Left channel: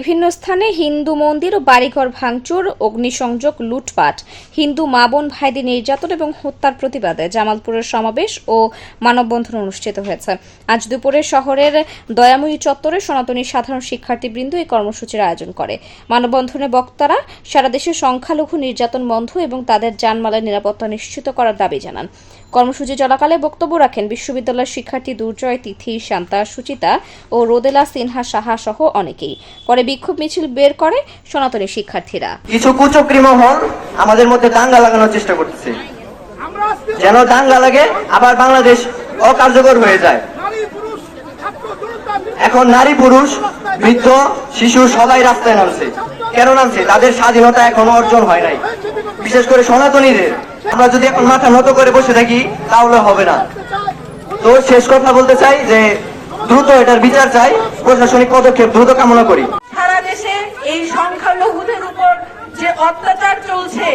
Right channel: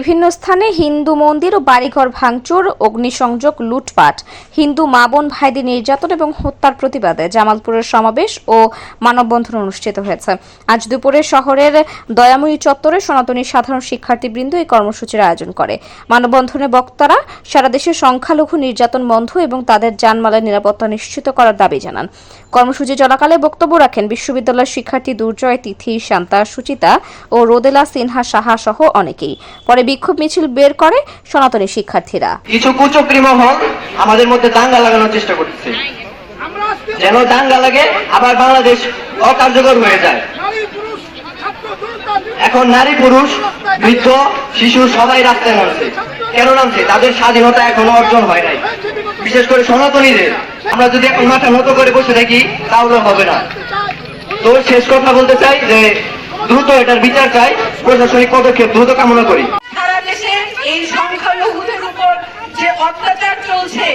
বিভিন্ন স্থানে হিন্দু মন্দির ও বাড়িঘর ভাঙচুর, অগ্নিসংযোগ, লুটপাট, হিন্দু মা বোন ভাইদের নির্যাতন এবং হত্যার প্রতিবাদে জামালপুরের সমাবেশ ও মানববন্ধন অনুষ্ঠিত হয়েছে। আজ দুপুরে শহরের দয়াময়ী চত্বরে সনাতনী সাধারণ শিক্ষার্থীবৃন্দ এই কর্মসূচির আয়োজন করে। মানববন্ধনে বক্তারা সারা দেশে সংখ্যালঘু নির্যাতন বন্ধ এবং তাদের জানমালের নিরাপত্তা নিশ্চিত করার দাবি জানান। কর্মসূচি চলাকালে বক্তব্য রাখেন বিশ্ববিদ্যালয়ের শিক্ষার্থী দুর্জয়, তিথি, শান্তা, সুচিতা ও রোদেলা সিনহা সাহা সহ অনেকেই। পরে বিক্ষোভ মিছিল বের করে সনাতনী শিক্ষার্থীরা। কিছু কুচক্রী মহল আমাদের মধ্যে দাঙ্গা লাগানোর চেষ্টা করছে, যেন দাঙ্গা লাগে আবার বাংলাদেশ অকার্যকর হয়ে যায়। এখন নারী, পুরুষ, বৃদ্ধ, শিশু সবাই রাস্তায় নামছে। কেন নামছে? তাদের স্বাধীনতা এখনো অর্জন হয় নাই, বিশেষ করে সনাতনীদের। আমরা যদি এখন মাথা নত করে বসে থাকি তাহলে হবে না। তো শেষ কথা বলতে চাই যে দ্রুত এটার বিচার চাই, প্রশাসনিক পদক্ষেপ দ্রুত কামনা করি। সারা দেশে এই সংখ্যালঘুদের উপর যে অত্যাচার চলছে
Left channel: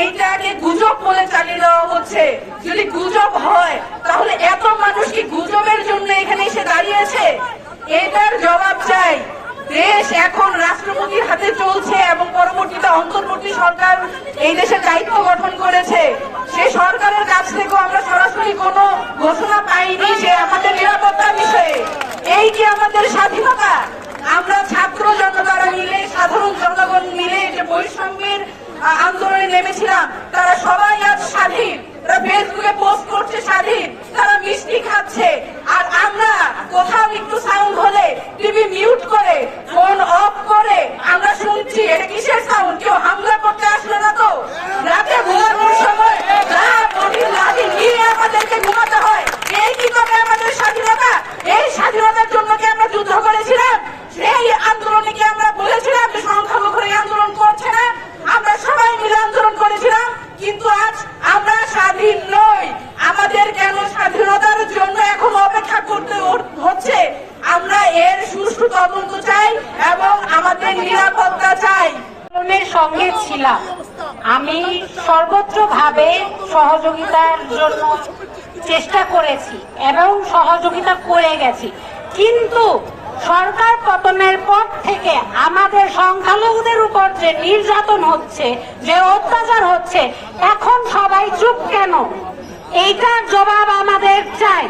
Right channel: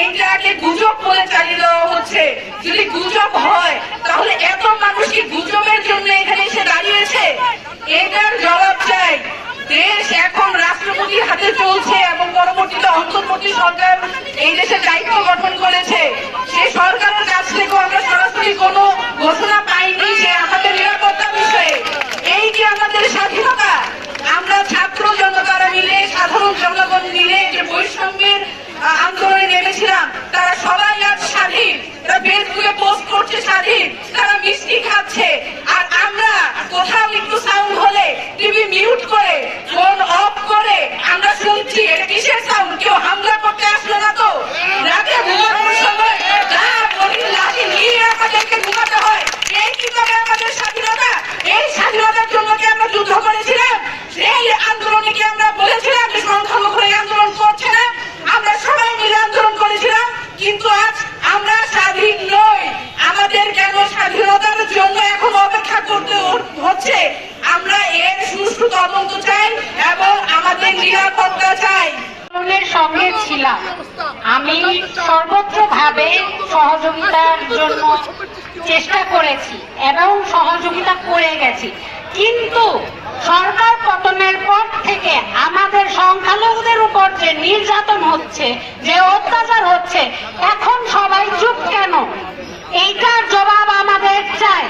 এইটাকে গুজব বলে চালিয়ে দেওয়া হচ্ছে। যদি গুজব হয় তাহলে এত মানুষ কি গুজবের জন্য এখানে এসে দাঁড়িয়েছে? এটার জবাব চাই। দেশ এখন রাষ্ট্রপতির হাতে চলছে এবং পরবর্তীতে অন্তর্বর্তী সরকার এই দেশে দায়িত্ব গঠন করেছে। সেই সরকারের কাছ থেকে আমরা সরাসরি কোনো ঘোষণা পাইনি যে আমাদের নিরাপত্তা বিষয়ে। এই যে আমাদের স্বাধীনতা, আমরা ছাত্র জনতারা মিলে, সাধারণ জনগণ মিলে যে বৈষম্যের আন্দোলনে নেমেছিলাম, তারা সবাই আজ স্বাধীন। তারা ফেসবুকে পোস্ট করছে স্বাধীন, তারা মিষ্টি খাচ্ছে। আর আমরা কোথাও একটু সাউন্ড হলে টিভি মিউট করে, ফোন অফ করে আমরা শুনছি কিসের সাউন্ড? কেউ হামলা করতে আসবে না তো? রাতে ঘুমানোর সময় লাঠি নিয়ে আমাদেরকে ঘুমাতে হয়। এই কি তবে আমাদের স্বাধীনতা? এই স্বাধীনতার জন্য কি আমরা যুদ্ধ করেছিলাম? সেই আন্দোলনে কি আমরা বলেছিলাম যে সংখ্যালঘু এই আন্দোলন করছে না? আমরা সবাই মিলে আন্দোলন করেছিলাম, কিন্তু আজ আমরা স্বাধীন নই। আমাদের কেন স্বাধীনতার জন্য এখন অপেক্ষা করতে হচ্ছে? আমরা এর সুষ্ঠু তদন্ত চাই এবং আমাদের নিরাপত্তা চাই। সঙ্গে ছিলাম, আমি সর্বত্রভাবে সহযোগিতার জন্য চেষ্টা করেছি এবং সহযোগিতা করে গেছি, কিন্তু সরকার পতনের পর থেকে আমাদের সংখ্যালঘুদের উপর যে নির্যাতন হচ্ছে, যে অত্যাচার হচ্ছে, এখন সবাই চুপ কেন? এইটার জবাব আমাদের চাই।